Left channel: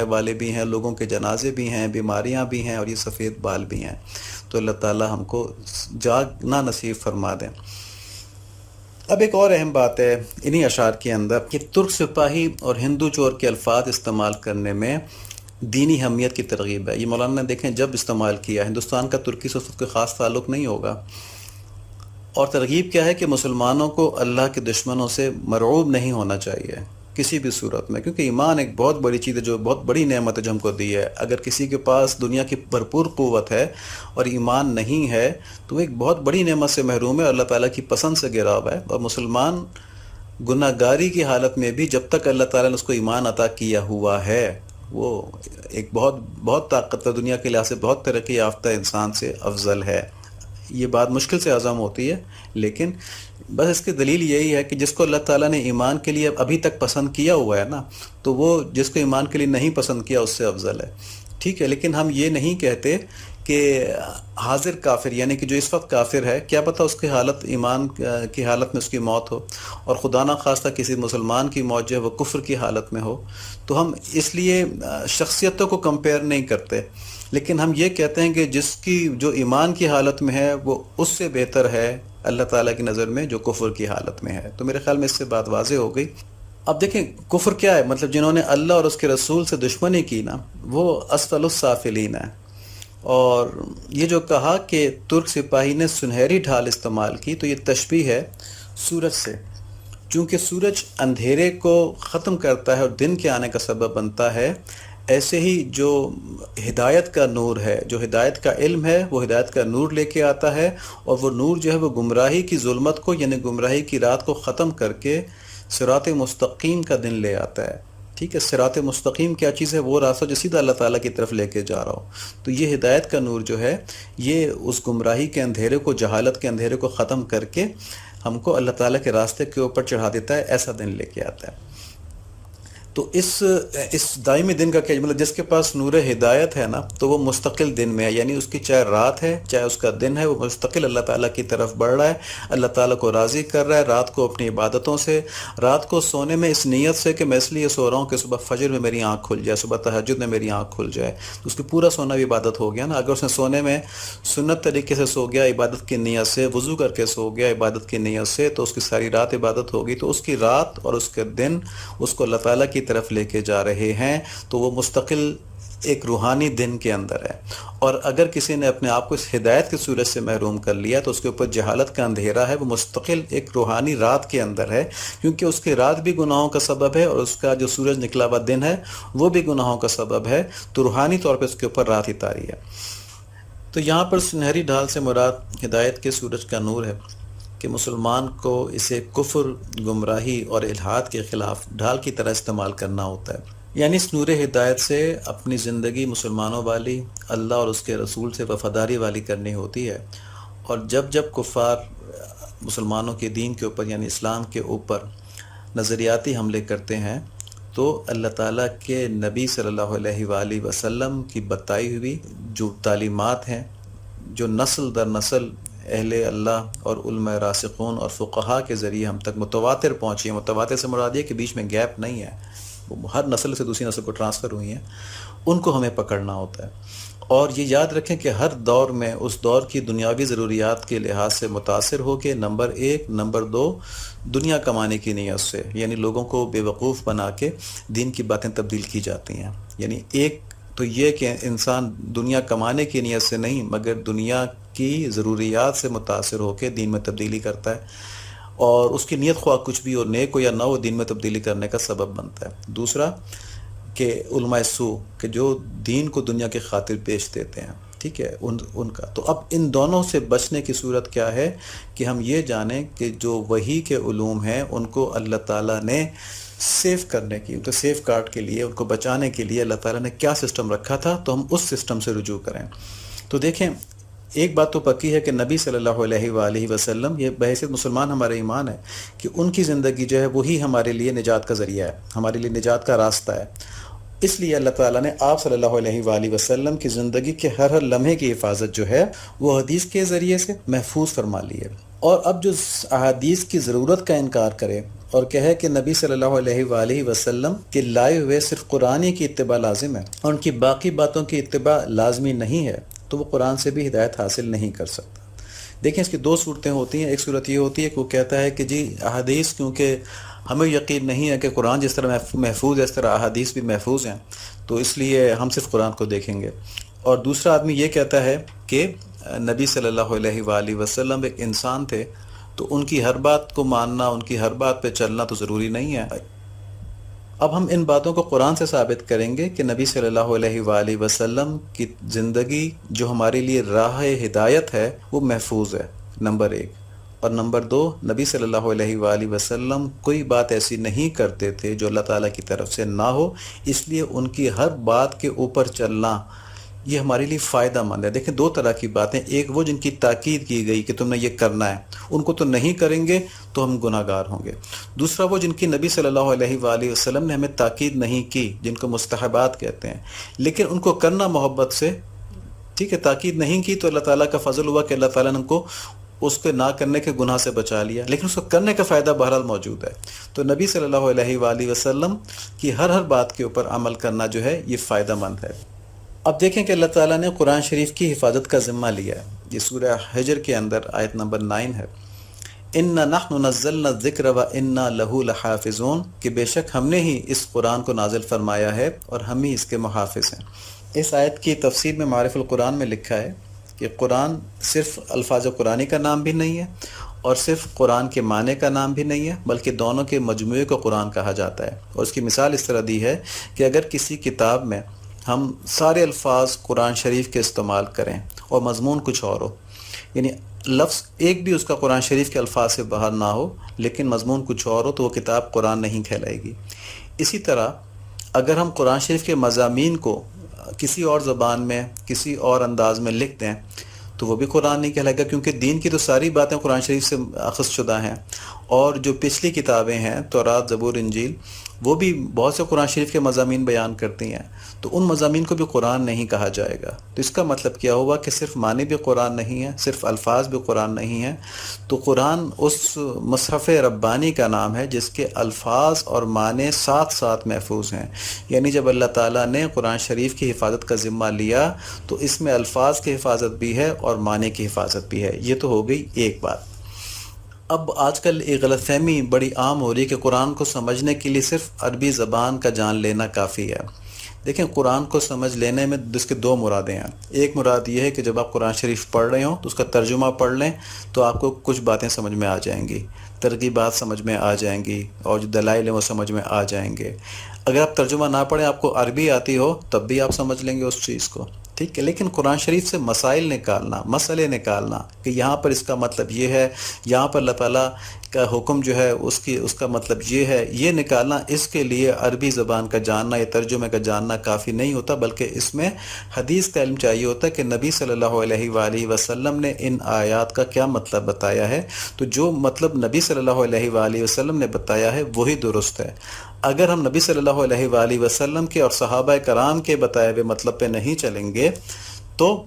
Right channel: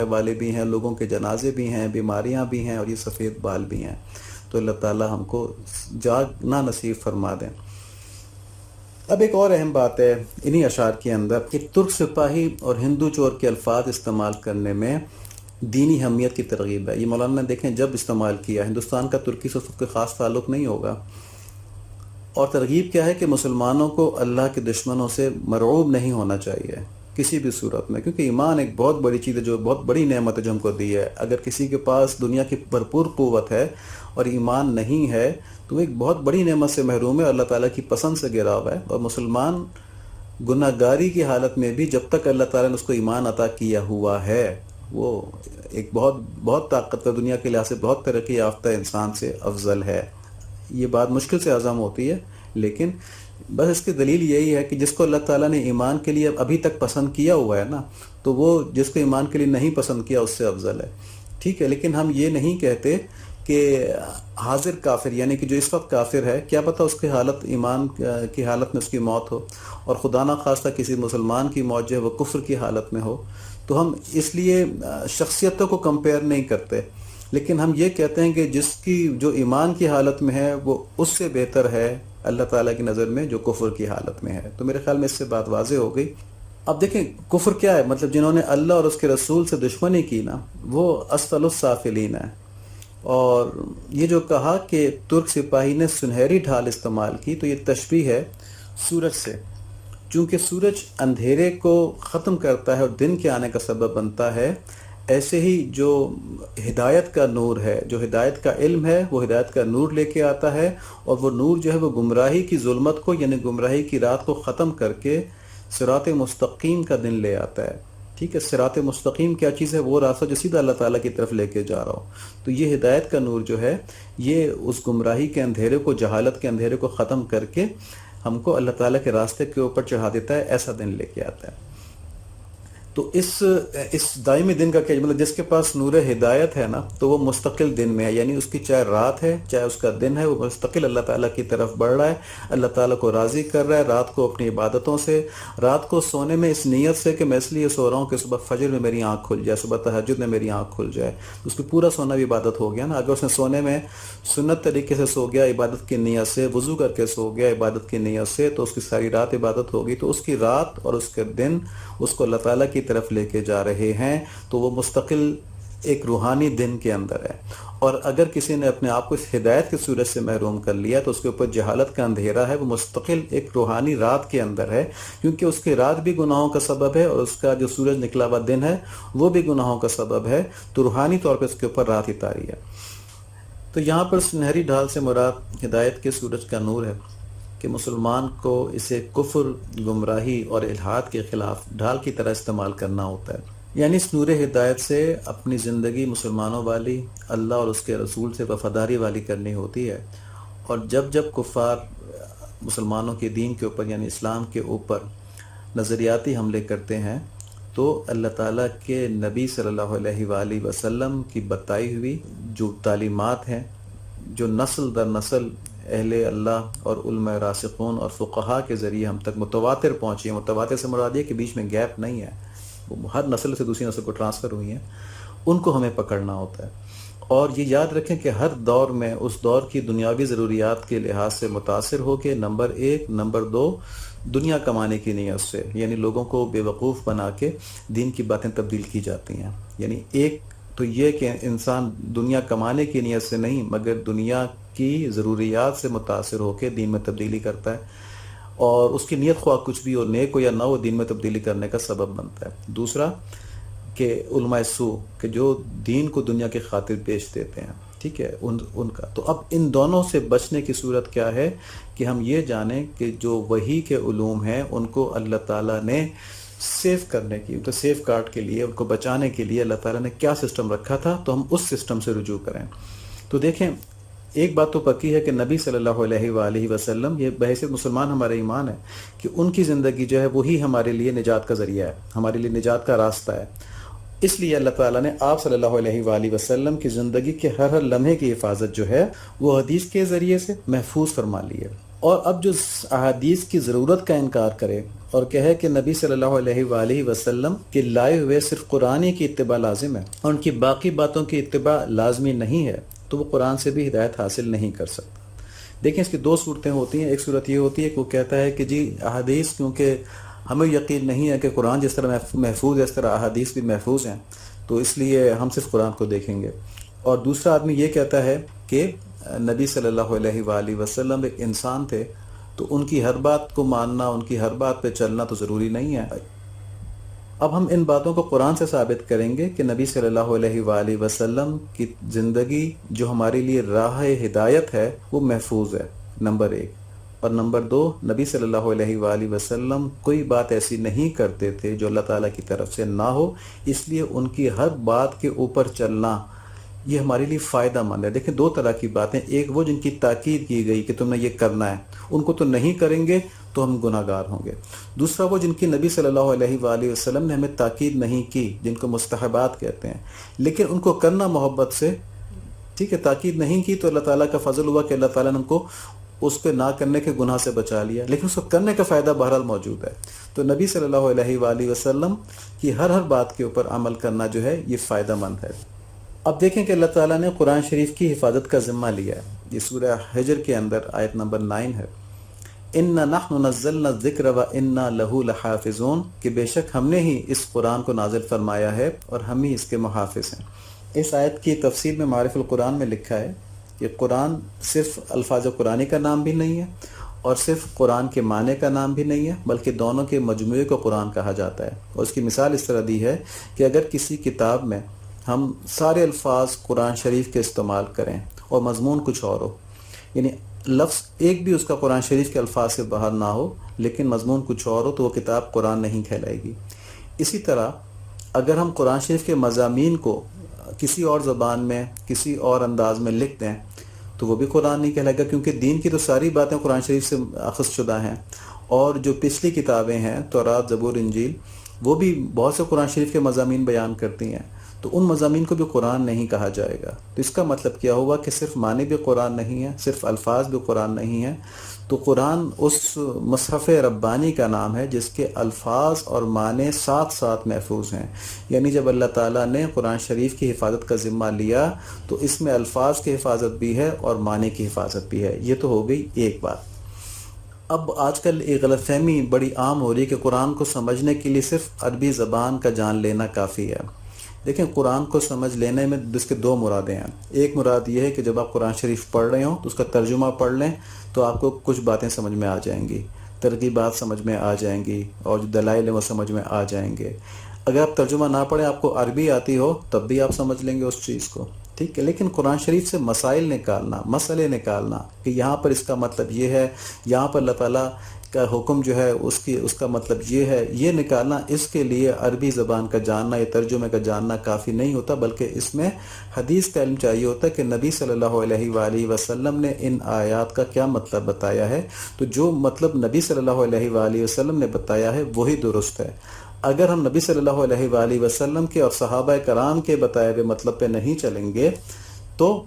والے بھی ہیں، لوگوں کے جنازے بھی ہیں، بیماریاں بھی ہیں، اور یہ سفید بال بھی ہیں۔ تو اللہ تعالی ہم کو جاگنا نصیب فرما دیں۔ اب ایک اور اہم بات ہے انہی اشعار کے اندر کہ ترک سپاہی اور ہندو چور کے الفاظ استعمال کرنے میں دینی اہمیت کی ترغیب ہے۔ یہ مولانا نے دیکھیں جب استعمال کیا، ہندوستان کا ترکی سے اس وقت کوئی خاص تعلق نہیں ہوگا، اور ترغیب کیا ہے کہ مسلمانوں کو اللہ کے دشمنوں سے مرعوب نہیں ہونا چاہیے کسی بھی صورت میں، کیونکہ ایمان ایک بہت بڑی چیز ہے، جو بہت بڑی نعمت ہے جو ہم کو دی ہے۔ اگر کسی کے پاس دنیا کی بھرپور قوت ہے اور ایمان نہیں ہے تو وہ ایک بہت بڑی نعمت سے محروم ہے، اور اللہ تعالیٰ کی پسند سے گرا ہوا ہے۔ اور مسلمان گناہ گاری کی حالت میں بھی جب تک اللہ تعالیٰ نے اس کو ایمان عطا کیا ہوا ہے، وہ ایک بہت بہت طاقتور، دنیا کے لحاظ سے بہت ترقی یافتہ انسان سے افضل ہے۔ یہ بات مشکل سے ہضم ہوتی ہے، لیکن بس اس کی دلیل یہی ہے کہ جس کو اللہ تعالیٰ نے ایمان کے لیے ابھی تک پسند کیا ہوا ہے نا، تو وہ جس کو ایمان کے لیے نہیں پسند کیا اس سے افضل ہے، ٹھیک ہے۔ لیکن ہم یہ نہیں کہتے کہ حاضر کافر، یعنی کہ جو اس وقت کافر ہے، کیا پتہ اس کی حالت ایمان کی حالت میں اس کی موت ہو، اور خدا نہ خواستہ کسی مسلمان کی موت جو ہے وہ کفر کی حالت میں ہو، تو ہم اس لیے شخصیتوں کو کمپیئر نہیں کرتے، لیکن ہم یہ کہتے ہیں کہ جس کی جو ایمان کی حالت میں ہے وہ اس سے بہتر ہے اللہ تعالیٰ کی نظر میں جو کفر کی حالت میں ہے۔ تو میرے خیال میں اس سے بات واضح ہو گئی۔ اب دیکھیں کفر کیا ہے، مطلب جنہوں نے اللہ اور اس کے رسول سے دشمنی کی نا، وہ اسفل السافلین ہے۔ اور یہ جو کہا کہ ترک سپاہی نے سنہری ڈھال استعمال کی، تو یہ تشبیہ ہے سورج سے، چونکہ سورج اندھیرے کو ختم کرتا ہے اور دن کے آنے کا سبب بنتا ہے، ایسے ہی جو ہدایت کا نور ہے، جو ہدایت کا علم ہے، وہ ہدایت کا نور لے کے آتا ہے، اور وہ نور جو ہے وہ گمراہی کی ظلمت کو، یعنی گمراہی کی رات کو ختم کر کے صراط مستقیم کا دن لے آتا ہے، ٹھیک ہے۔ صراط مستقیم کیا چیز ہے؟ وہ راستہ جو سیدھا اللہ تعالیٰ کی طرف لے کے جا رہا ہو۔ تو یہ ہدایت کا نور جو ہے، یہ اس گمراہی کے اندھیرے کو، جہالت کے اندھیرے کو ختم کر کے ہم کو اللہ تعالیٰ کے راستے کے اوپر چڑھا دیتا ہے، ایسا دن لے کے آتا ہے۔ تو اس دائمی دن کا کیا مطلب؟ جس کے پاس نور ہدایت ہے نا، تو وہ مستقل دن میں ہے، یعنی اس کی چاہے رات ہے چاہے اس کا دن ہے، وہ مستقل اللہ تعالیٰ کی طرف بڑھ رہا ہے، اللہ تعالیٰ کو راضی کر رہا ہے، رات کو اپنی عبادتوں سے، رات کو سونے میں اس نیت سے کہ میں اس لیے سو رہا ہوں کہ صبح فجر میں میری آنکھ کھل جائے، صبح تہجد میں میری آنکھ کھل جائے، اس کی پورا سونا بھی عبادت ہو گیا نا۔ اگر اس نے سونے میں سنت طریقے سے سو گیا عبادت کی نیت سے، وضو کر کے سو گیا عبادت کی نیت سے، تو اس کی ساری رات عبادت ہوگی، تو اس کی رات اور اس کے دن اس کو اللہ تعالیٰ کی طرف لے کے جا رہے ہیں، تو وہ مستقل ایک روحانی دن کے اندر ہے۔ اور اگر کسی نے اپنے آپ کو اس ہدایت کی صورت سے محروم کر لیا تو اس کے اوپر جہالت کا اندھیرا ہے، وہ مستقل ایک روحانی رات کے اندر ہے، کیونکہ اس کی رات بھی گناہوں کا سبب ہے اور اس کا جو سورج نکلا ہوا دن ہے وہ بھی گناہوں کا سبب ہے، تو روحانی طور پہ اس کے اوپر رات ہی طاری ہے۔ تو یہاں پر سنہری ڈھال سے مراد ہدایت کے سورج کا نور ہے کہ مسلمان کو اسے کفر، گمراہی اور الحاد کے خلاف ڈھال کی طرح استعمال کرنا ہوتا ہے، یعنی اس نور ہدایت سے اپنی زندگی مسلمانوں والی، اللہ اور اس کے رسول سے وفاداری والی کرنی ہوتی ہے۔ اور جب جب کفار مسلمانوں کے دین کے اوپر یعنی اسلام کے اوپر نظریاتی حملے کرتے ہیں، تو اللہ تعالیٰ کے نبی صلی اللہ علیہ وآلہ وسلم کی بتائی ہوئی جو تعلیمات ہیں، جو نسل در نسل اہل اللہ اور علماء راسخون اور فقہا کے ذریعے ہم تک متواتر پہنچی ہیں، متواتر سے مراد یہ کہ بیچ میں گیپ نہیں ہے، وہ ہر نسل سے دوسری نسل کو ٹرانسفر ہوئی ہیں، ان کو ہمیں پکڑنا ہوتا ہے۔ اور یہ یاد رکھیں کہ ہر دور میں اس دور کی دنیاوی ضروریات کے لحاظ سے متاثر ہو کے نمبر 1، نمبر 2 دنیا کمانے کی نیت سے، یعنی لوگوں کو بے وقوف بنا کے دین کی باتیں تبدیل کی جاتی ہیں۔ یعنی ایک تو یہ کہ انسان دنیا کمانے کی نیت سے نہیں مگر دنیا کی ضروریات سے متاثر ہو کے دین میں تبدیلی کرتا ہے، اور اس کی نیت خواہ کچھ بھی ہو، نیک ہو یا نہ ہو، دین میں تبدیلی کرنے کا سبب بنتا ہے۔ دوسرا کہ علماء سو کہ جو دین کو دنیا کے خاطر بیچ دیتے ہیں، ٹھیک ہے، ان کا تو اب ان دونوں سے بچنے کی صورت کیا ہے کہ ہم یہ جانیں کہ جو وحی کے علوم ہیں ان کو اللہ تعالیٰ نے سیف کرنے کی، تو سیف گارڈ کے لیے، ان کو بچانے کے لیے اللہ تعالیٰ نے کیا سسٹم رکھا تھا، تو ہم اس سسٹم سے رجوع کریں۔ تو دیکھیں ایک بات تو پکی ہے کہ نبی صلی اللہ علیہ وآلہ وسلم، یہ بحیثیت مسلمان ہمارا ایمان ہے کہ ان کی زندگی جو ہے وہی ہمارے لیے نجات کا ذریعہ ہے، ہمارے لیے نجات کا راستہ ہے۔ اس لیے اللہ تعالیٰ نے آپ صلی اللہ علیہ وآلہ وسلم کی زندگی کے ہر لمحے کی حفاظت جو ہے وہ حدیث کے ذریعے سے محفوظ فرما لی ہے۔ اور اب جو احادیث کی ضرورت کا انکار کرے اور کہے کہ نبی صلی اللہ علیہ وآلہ وسلم کے لائے ہوئے صرف قرآن کی اتباع لازم ہے اور ان کی باقی باتوں کی اتباع لازمی نہیں ہے، تو وہ قرآن سے بھی ہدایت حاصل نہیں کر سکتا۔ دیکھیں اس کی دو صورتیں ہوتی ہیں۔ ایک صورت یہ ہوتی ہے کہ وہ کہتا ہے کہ جی احادیث کیونکہ ہمیں یقین نہیں ہے کہ قرآن جس طرح محفوظ ہے اس طرح احادیث بھی محفوظ ہیں، تو اس لیے ہم صرف قرآن کو دیکھیں گے۔ اور دوسرا آدمی یہ کہتا ہے کہ نبی صلی اللہ علیہ وآلہ وسلم ایک انسان تھے، تو ان کی ہر بات کو ماننا، ان کی ہر بات پہ چلنا تو ضروری نہیں ہے۔ اب ہم ان باتوں کو قرآن سے ثابت کریں گے کہ نبی صلی اللہ علیہ وآلہ وسلم کی زندگی جو ہمارے لیے راہ ہدایت ہے وہ محفوظ ہے، نمبر ایک۔ اور نمبر دو، نبی صلی اللہ علیہ وآلہ وسلم کوئی بات ایسی نہیں کرتے تھے جو اللہ تعالیٰ کی طرف سے نہ ہو، اس لیے ان کی ہر بات کے اوپر چلنا یہ ہمارے لیے فائدہ مند ہے۔ دیکھیں دو طرح کی باتیں، ایک وہ جن کی تاکید کی گئی کہ تم نے یہ کرنا ہے، ان کو تو نہیں کریں گے تو ہم گناہ گار ہوں گے۔ دوسرا وہ جن کی نبی صلی اللہ علیہ وآلہ وسلم نے ہمیں تاکید نہیں کی، جن کو مستحبات کہتے ہیں، لیکن ان کو کرنا محبت سے، ٹھیک ہے، تاکید نہیں کی تو اللہ تعالیٰ کا فضل ہوا کہ اللہ تعالیٰ نے ان کو اس کے نہ کرنے کے گناہ سے بچا لیا، لیکن اس کو کرنے کا فائدہ بہرحال موجود ہے۔ تو نبی صلی اللہ علیہ وآلہ وسلم کی ہر بات کے اوپر عمل کرنا جو ہے یہ فائدہ مند ہے۔ اب دیکھیں کہ اللہ تعالیٰ نے قرآن شریف کی حفاظت کا ذمہ لیا ہے۔ یہ سورہ حجر کے اندر آیت نمبر 9 ہے، اِنَّا نَحْنُ نَزَّلْنَا الذِّكْرَ وَإِنَّا لَهُ لَحَافِظُونَ، کہ بے شک ہم نے ہی اس قرآن کو نازل فرمایا ہے اور ہم ہی اس کے محافظ ہیں۔ اس آیت کی تفسیر میں معارف القرآن میں لکھا ہے کہ قرآن صرف الفاظ قرآنی کا نام بھی نہیں ہے اور صرف قرآن کے معنی کا نام بھی نہیں ہے، بلکہ دونوں کے مجموعے کو قرآن کہا جاتا ہے۔ اور اس کی مثال اس طرح دی ہے کہ اگر کسی کتاب میں ہم سارے الفاظ قرآن شریف کے استعمال کریں اور مضمون کچھ اور ہو، یعنی لفظ ایک بھی اس کا قرآن شریف کے الفاظ سے باہر نہ ہو لیکن مضمون کچھ اور ہو، تو وہ کتاب قرآن نہیں کہلائے گی۔ اسی طرح اگر ہم قرآن شریف کے مضامین کو کسی اور زبان میں، کسی اور انداز میں لکھ دیں تو وہ بھی قرآن نہیں کہلائے گا، کیونکہ دین کی تو ساری باتیں قرآن شریف سے اخذ شدہ ہیں، اور جو پچھلی کتابیں ہیں تورات، زبور، انجیل، وہ بھی بہت سے قرآن شریف کے مضامین بیان کرتی ہیں، تو ان مضامین کو بھی قرآن نہیں کہا جائے گا۔ تو اس کا مطلب کیا ہوا کہ صرف معنی بھی قرآن نہیں ہے، صرف الفاظ بھی قرآن نہیں ہے۔ تو قرآن اس مصحف ربانی کا نام ہے جس کے الفاظ اور معنی ساتھ ساتھ محفوظ ہیں۔ یعنی جب اللہ تعالیٰ نے قرآن شریف کی حفاظت کا ذمہ لیا تو اس میں الفاظ کی حفاظت بھی ہے اور معنی کی حفاظت بھی ہے۔ یہ تو ہو گئی ایک بات۔ اب آج کل ایک غلط فہمی بڑی عام ہو رہی ہے کہ قرآن کو سمجھنے کے لیے صرف عربی زبان کا جان لینا کافی ہے۔ دیکھیں قرآن کو سمجھ لینے میں اس کے دو مرادیں ہیں۔ ایک مراد یہ ہے کہ جب آپ قرآن شریف پڑھ رہے ہوں تو اس کا ترجمہ پڑھ لیں تو آپ کو کچھ باتیں سمجھ میں آ جائیں گی، ترغیبات سمجھ میں آ جائیں گی، اور جو دلائل ہیں وہ سمجھ میں آ جائیں گے۔ اگر آپ ترجمہ نہ پڑھیں، آپ کو عربی آتی ہو، تب بھی آپ سمجھ لیں گے اس چیز کو، ٹھیک ہے۔ لیکن قرآن شریف سے مسائل نکالنا، مسئلے نکالنا کہ یہاں پر اس کا مطلب یہ ہے، یہاں پر اللہ تعالیٰ کا حکم جو ہے اس کا مطلب یہ ہے، یہ نکالنا، اس کے لیے عربی زبان کا جاننا یا ترجمے کا جاننا کافی نہیں ہوتا، بلکہ اس میں حدیث کا علم چاہیے ہوتا ہے کہ نبی صلی اللہ علیہ وآلہ وسلم نے ان آیات کا کیا مطلب بتایا ہے۔ تو جو مطلب نبی صلی اللہ علیہ وآلہ وسلم نے بتایا ہے وہی درست ہے۔ اگر ہم نبی صلی اللہ علیہ وآلہ وسلم کے اور صحابہ کرام کے بتائے ہوئے مطلب پہ نہیں چلیں گے تو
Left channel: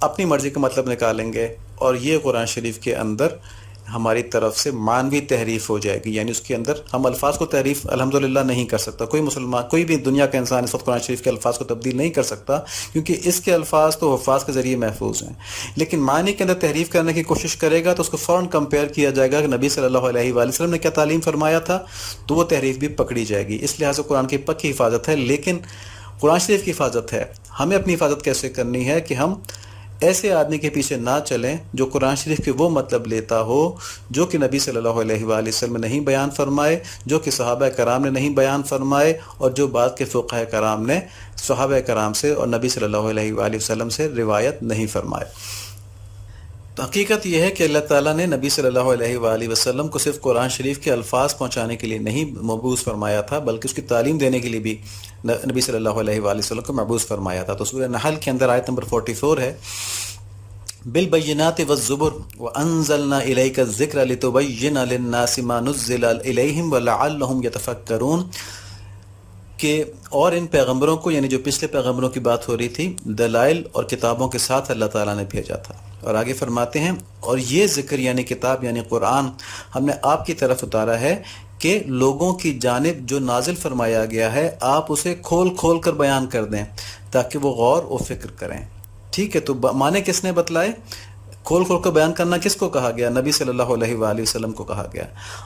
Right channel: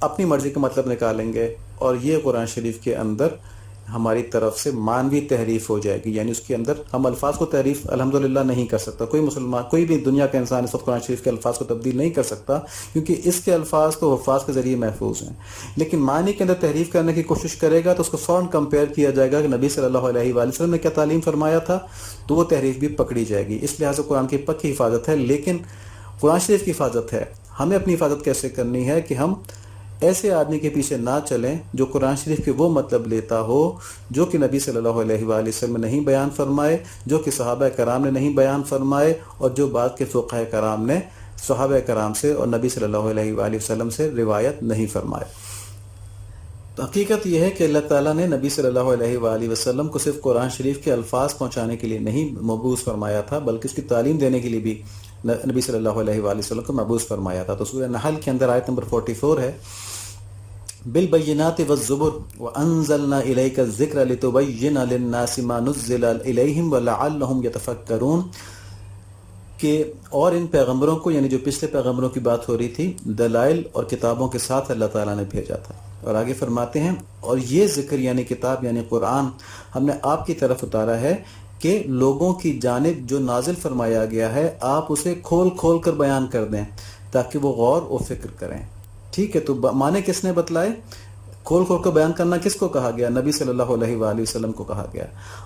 اپنی مرضی کا مطلب نکالیں گے، اور یہ قرآن شریف کے اندر ہماری طرف سے معنوی تحریف ہو جائے گی۔ یعنی اس کے اندر ہم الفاظ کو تحریف الحمدللہ نہیں کر سکتا، کوئی مسلمان، کوئی بھی دنیا کا انسان اس وقت قرآن شریف کے الفاظ کو تبدیل نہیں کر سکتا، کیونکہ اس کے الفاظ تو حفاظ کے ذریعے محفوظ ہیں۔ لیکن معنی کے اندر تحریف کرنے کی کوشش کرے گا تو اس کو فوراً کمپیئر کیا جائے گا کہ نبی صلی اللہ علیہ وآلہ وسلم نے کیا تعلیم فرمایا تھا، تو وہ تحریف بھی پکڑی جائے گی۔ اس لحاظ سے قرآن کی پکی حفاظت ہے، لیکن قرآن شریف کی حفاظت ہے۔ ہمیں اپنی حفاظت کیسے کرنی ہے کہ ہم ایسے آدمی کے پیچھے نہ چلیں جو قرآن شریف کے وہ مطلب لیتا ہو جو کہ نبی صلی اللہ علیہ وآلہ وسلم نے نہیں بیان فرمائے، جو کہ صحابہ کرام نے نہیں بیان فرمائے، اور جو بعد کے فقہاء کرام نے صحابہ کرام سے اور نبی صلی اللہ علیہ وآلہ وسلم سے روایت نہیں فرمائے۔ تو حقیقت یہ ہے کہ اللہ تعالیٰ نے نبی صلی اللہ علیہ وآلہ وسلم کو صرف قرآن شریف کے الفاظ پہنچانے کے لیے نہیں مبعوث فرمایا تھا، بلکہ اس کی تعلیم دینے کے لیے بھی نبی صلی اللہ علیہ وآلہ وسلم کو مبعوث فرمایا تھا۔ تو سورہ نحل کے اندر آیت نمبر 44 ہے، بالبینات والزبر وانزلنا الیک الذکر لتبین للناس ما نزل الیہم ولعلہم یتفکرون، کہ اور ان پیغمبروں کو، یعنی جو پچھلے پیغمبروں کی بات ہو رہی تھی، دلائل اور کتابوں کے ساتھ اللہ تعالیٰ نے بھیجا تھا۔ اور آگے فرماتے ہیں اور یہ ذکر یعنی کتاب یعنی قرآن ہم نے آپ کی طرف اتارا ہے کہ لوگوں کی جانب جو نازل فرمایا گیا ہے آپ اسے کھول کھول کر بیان کر دیں تاکہ وہ غور و فکر کریں. ٹھیک ہے، تو معنی کس نے بتلائے؟ کھول کھول کر بیان کرنا کس کو کہا گیا؟ نبی صلی اللہ علیہ وآلہ وسلم کو کہا گیا.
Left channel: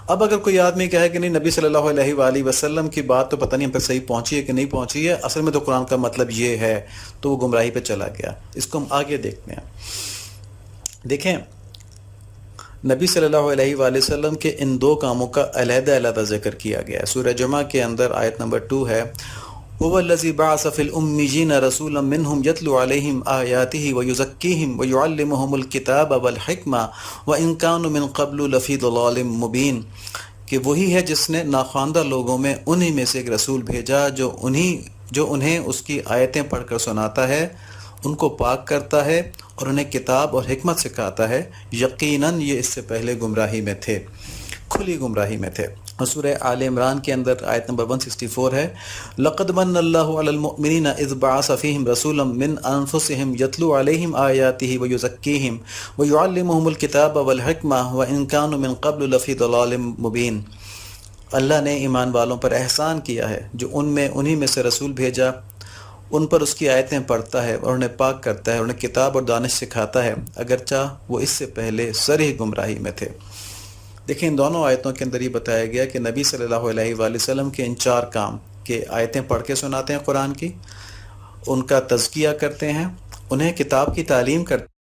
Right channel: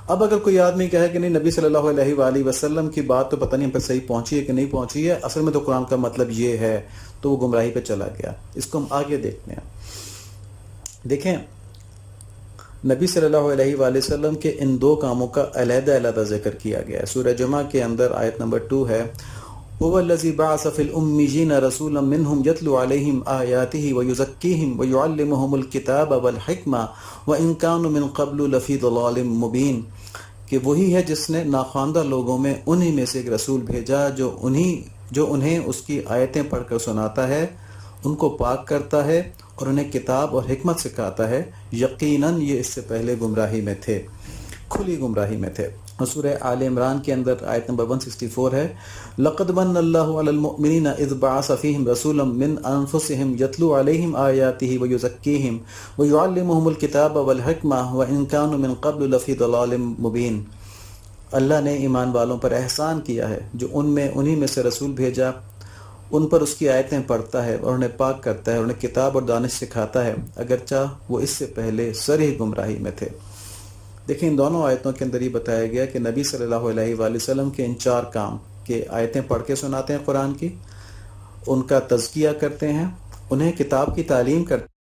اب اگر کوئی آدمی کہے کہ نہیں نبی صلی اللہ علیہ وآلہ وسلم کی بات تو پتہ نہیں ہم پر صحیح پہنچی ہے کہ نہیں پہنچی ہے، اصل میں تو قرآن کا مطلب یہ ہے، تو وہ گمراہی پہ چلا گیا. اس کو ہم آگے دیکھتے ہیں. دیکھیں نبی صلی اللہ علیہ وآلہ وسلم کے ان دو کاموں کا علیحدہ علیحدہ ذکر کیا گیا ہے. سورہ جمعہ کے اندر آیت نمبر 2 ہے هو الذي بعث في الأميين رسولا منهم يتلو عليهم آياته ويزكيهم ويعلمهم الكتاب والحكمة وإن كانوا من قبل لفي ضلال مبين، کہ وہی ہے جس نے ناخواندہ لوگوں میں انہی میں سے ایک رسول بھیجا جو انہیں اس کی آیتیں پڑھ کر سناتا ہے، ان کو پاک کرتا ہے اور انہیں کتاب اور حکمت سکھاتا ہے. یقیناً یہ اس سے پہلے گمراہی میں تھے، کھلی گمراہی میں تھے. سورہ آل عمران کے اندر آیت نمبر 164 ہے لَقَدْ مَنَّ اللَّهُ عَلَى الْمُؤْمِنِينَ إِذْ بَعَثَ فِيهِمْ رَسُولًا مِّنْ أَنفُسِهِمْ يَتْلُو عَلَيْهِمْ آيَاتِهِ وَيُزَكِّيهِمْ وَيُعَلِّمُهُمُ الْكِتَابَ وَالْحِكْمَةَ وَإِنْ كَانُوا مِنْ قَبْلُ لَفِي ضَلَالٍ مُبِينٍ. اللہ نے ایمان والوں پر احسان کیا ہے جو انہی میں سے رسول بھیجا، ان پر اس کی آیتیں پڑھتا ہے اور انہیں پاک کرتا ہے، انہیں کتاب اور دانش سکھاتا ہے، اگرچہ وہ اس سے پہلے صریح گمراہی میں تھے. دیکھیں ان دونوں آیتوں کے اندر یہ بتایا گیا کہ نبی صلی اللہ علیہ وآلہ وسلم کے ان 4 کام کہ آیتیں پڑھ کے سناتے ہیں قرآن کی، ان کا تزکیہ کرتے ہیں، انہیں کتاب کی تعلیم کرتے ہیں